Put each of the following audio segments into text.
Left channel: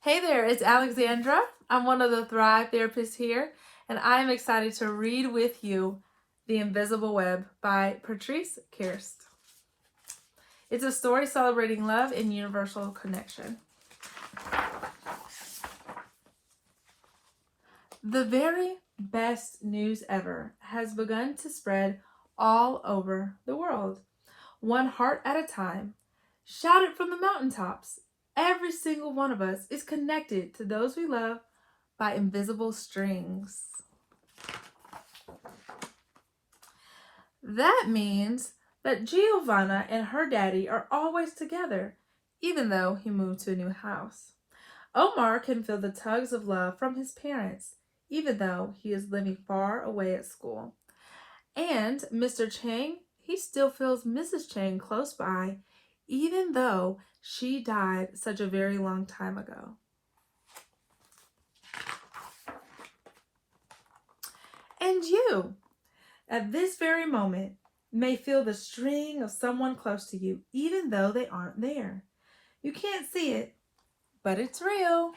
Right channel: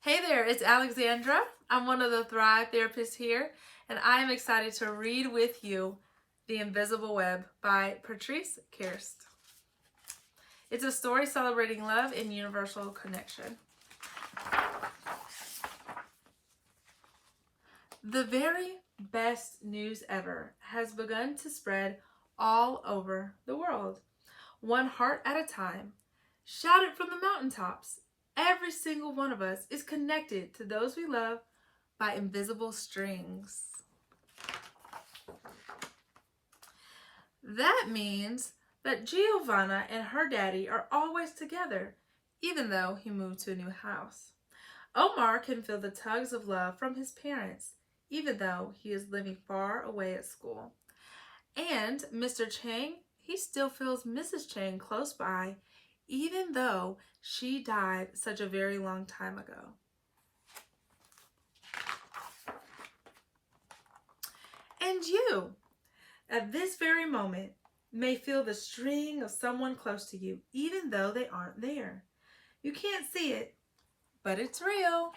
Hey there, it's Alexandra. I'm one of the Thrive therapists here, and I am excited to read with you The Invisible Web by Patrice Kurst. It's a story celebrating love and universal connection. The very best news ever has begun to spread all over the world, one heart at a time. Shout it from the mountaintops. Every single one of us is connected to those we love by invisible strings. That means that Giovanna and her daddy are always together, even though he moved to a new house. Omar can feel the tugs of love from his parents, even though he is living far away at school. And Mr. Chang, he still feels Mrs. Chang close by, even though she died such a very long time ago. And you, at this very moment, may feel the string of someone close to you, even though they aren't there. You can't see it, but it's real.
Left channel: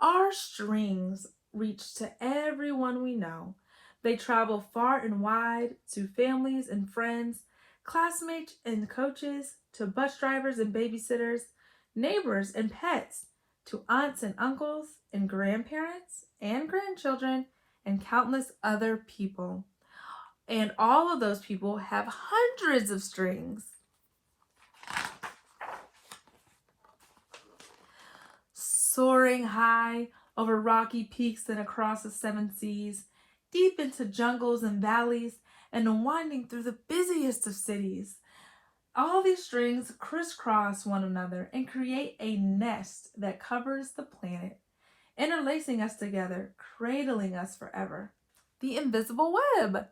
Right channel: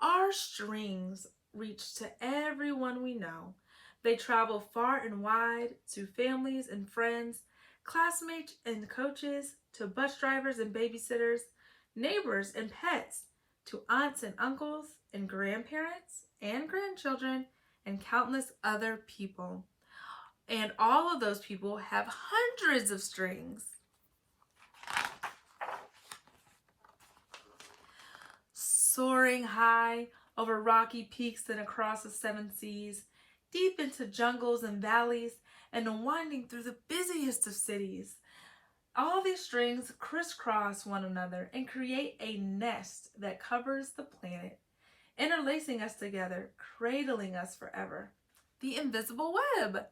Our strings reach to everyone we know. They travel far and wide to families and friends, classmates and coaches, to bus drivers and babysitters, neighbors and pets, to aunts and uncles and grandparents and grandchildren, and countless other people. And all of those people have hundreds of strings. Soaring high over rocky peaks and across the seven seas, deep into jungles and valleys, and winding through the busiest of cities. All these strings crisscross one another and create a nest that covers the planet, interlacing us together, cradling us forever. The invisible web.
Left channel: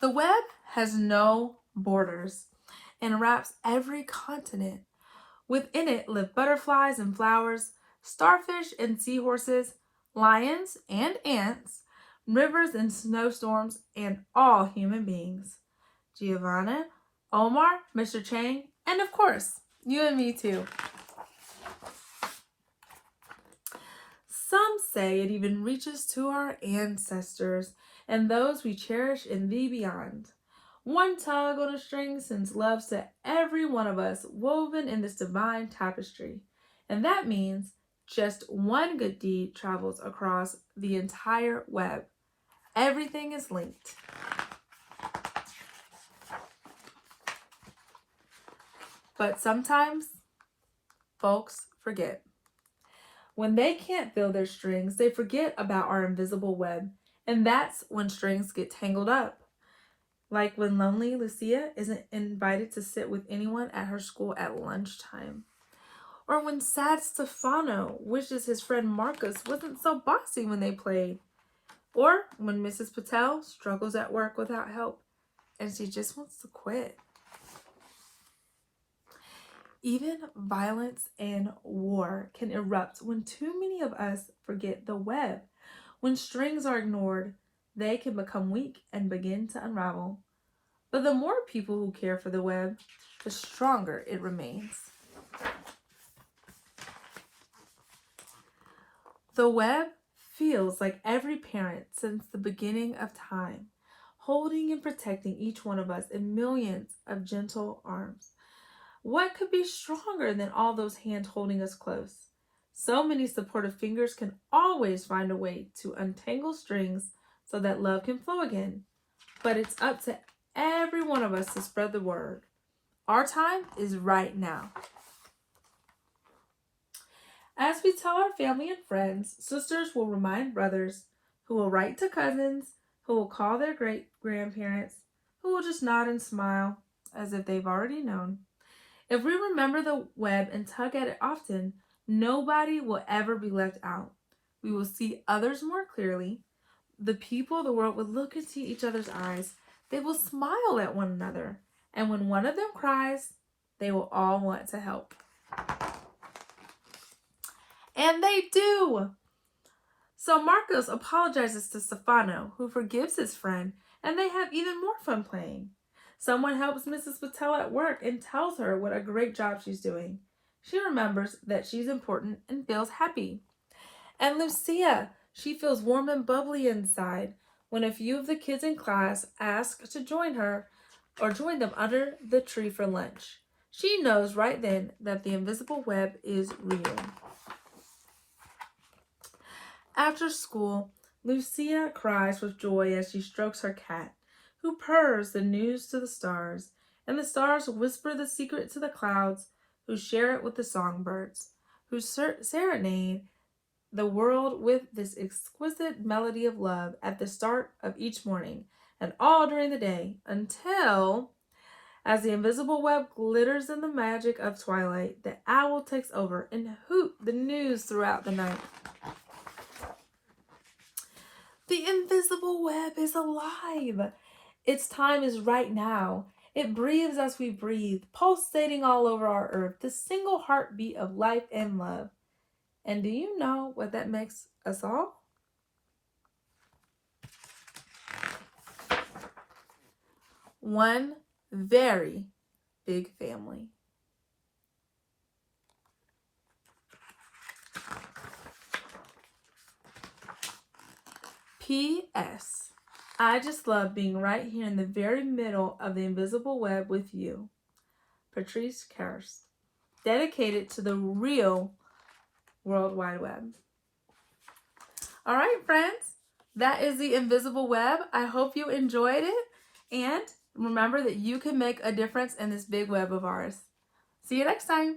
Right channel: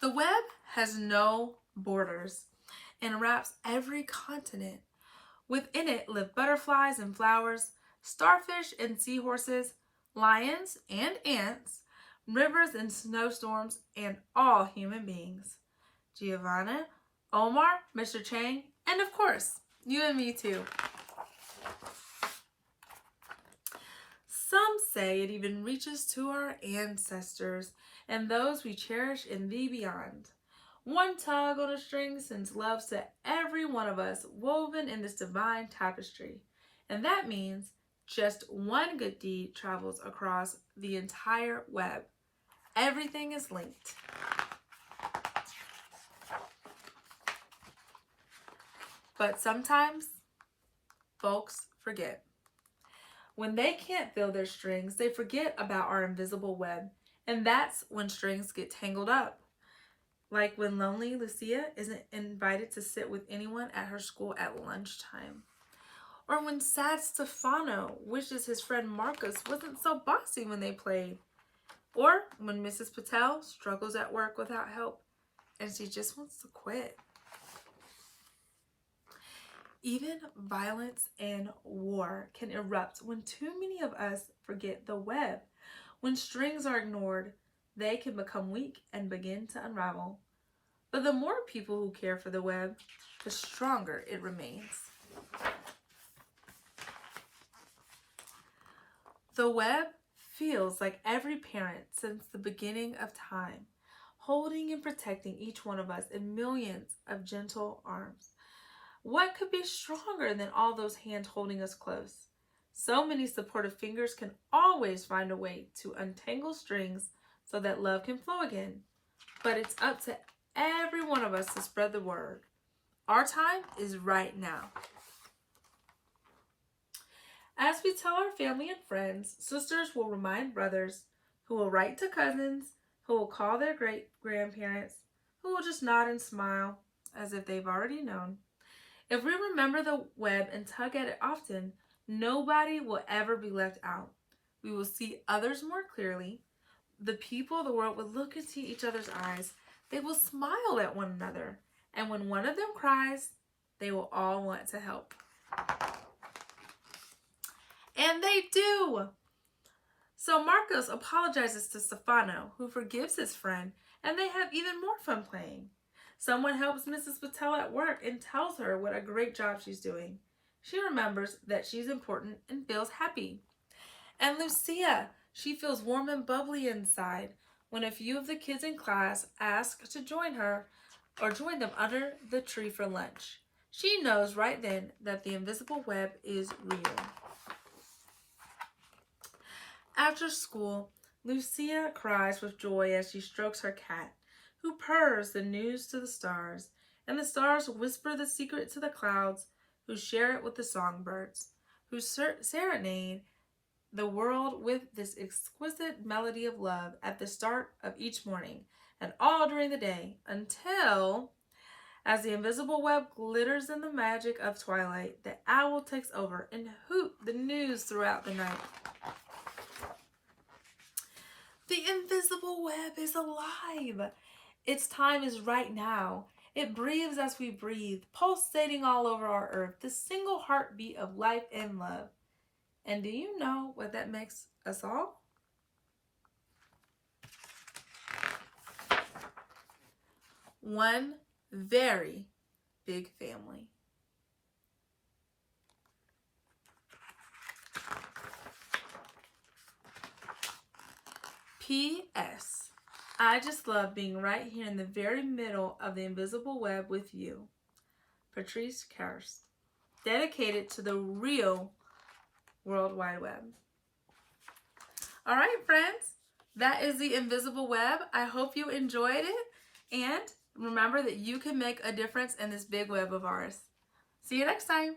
The web has no borders and wraps every continent. Within it live butterflies and flowers, starfish and seahorses, lions and ants, rivers and snowstorms, and all human beings. Giovanna, Omar, Mr. Chang, and of course, you and me too. Some say it even reaches to our ancestors and those we cherish in the beyond. One tug on a string sends love to every one of us, woven in this divine tapestry. And that means just one good deed travels across the entire web. Everything is linked. But sometimes folks forget. When they can't feel their strings, they forget about our invisible web. And that's when strings get tangled up. Like when lonely Lucia isn't invited to sit with anyone at her school at lunchtime. Or when sad Stefano wishes his friend Marcus wasn't so bossy when they played. Or when Mrs. Patel struggles at work without help and she just wants to quit. Even violence and war can erupt when too many of us forget the web. When strings are ignored, they can become weak and begin to unravel. But the more people who care for the web, the stronger it remains. The web feels like every parent since the beginning of time, holding and protecting each one of us in millions of gentle arms. What could be stronger than all those hands holding us close? So many supportive fingers can always find a way to untangle strings so that love can flow again. But it's up to every one of us to spread the word. Our time is right now. As we tell our family and friends, sisters will remind brothers, who will write to cousins, who will call their great-grandparents, who will just nod and smile as if they've already known. If we remember the web and tug at it often, nobody will ever be left out. We will see others more clearly. The people of the world will look into each other's eyes. They will smile at one another. And when one of them cries, they will all want to help. And they do. So Marcos apologizes to Stefano, who forgives his friend and they have even more fun playing. Someone helps Mrs. Patel at work and tells her what a great job she's doing. She remembers that she's important and feels happy. And Lucia, she feels warm and bubbly inside when a few of the kids in class ask to join her or join them under the tree for lunch. She knows right then that the invisible web is real. After school, Lucia cries with joy as she strokes her cat, who purrs the news to the stars, and the stars whisper the secret to the clouds, who share it with the songbirds, who serenade the world with this exquisite melody of love at the start of each morning and all during the day until, as the invisible web glitters in the magic of twilight, the owl takes over and hoot the news throughout the night. The invisible web is alive. Its time is right now. It breathes as we breathe, pulsating all over our earth, the single heartbeat of life and love. And do you know what that makes us all? One very big family. P.S. I just love being right here in the very middle of the invisible web with you. Patrice Kurst. Dedicated to the real World Wide Web. All right, friends. That is the invisible web. I hope you enjoyed it. And remember that you can make a difference in this big web of ours. See you next time.